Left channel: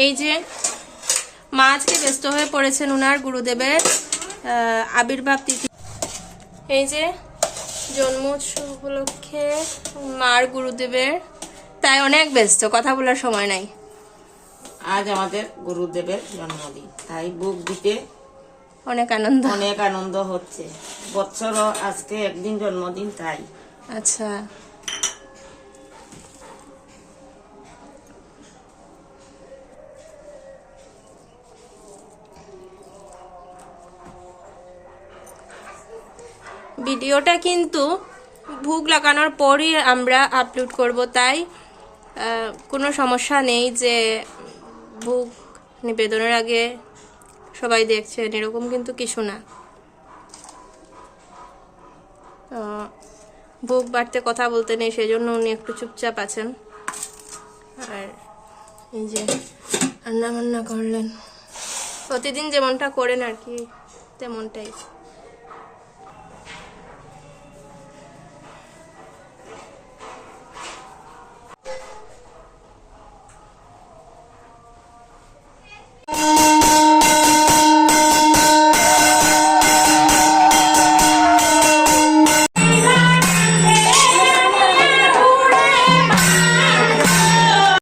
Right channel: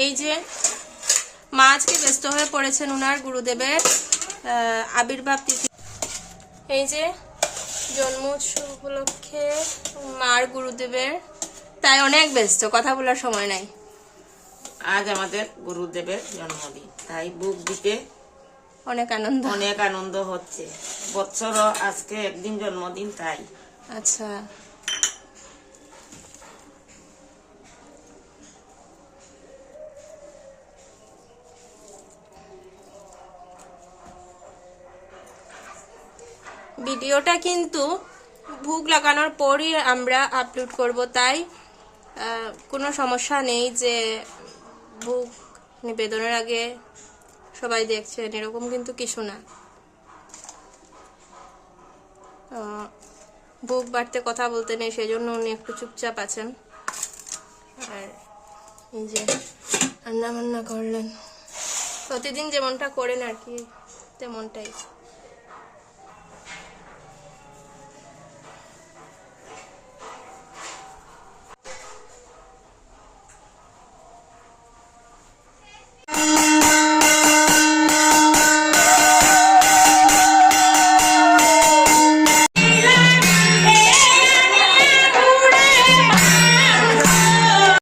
এই যে মা আজকে ব্যস্ত হয়ে পড়েছেন উনার গুরুদেবের আবির্ভাব তিথি। এই যে জন্ম উৎসব উপলক্ষে মার গুরুদেবের তাই অনেক ব্যস্ত, কথা বলার সময় নাই। আজ আমাদের গুরুদেবের জন্মদিন, তাই বুক দিতে অনেক আনন্দ হচ্ছে। বছর আজকে একদিন জন্মদিন, তাই। আচ্ছা, ভিডিওটা কিন্তু ভোগ লাগানোর পরই আমরা আপলোড করব, তাই কোনো সমস্যা নেই যে ভোগ নিবেদনের আগে সবাই দেখছেন, এরকম কিন্তু কিছু না। ভোগ বাড়তে কথা বলতে নেই, সেজন্য উনি একটু চুপচাপ আছেন। আর এই যে রান্না বান্না করলেন, প্রতিদিন যেমনটা করেন আর কি, তেমনটাই।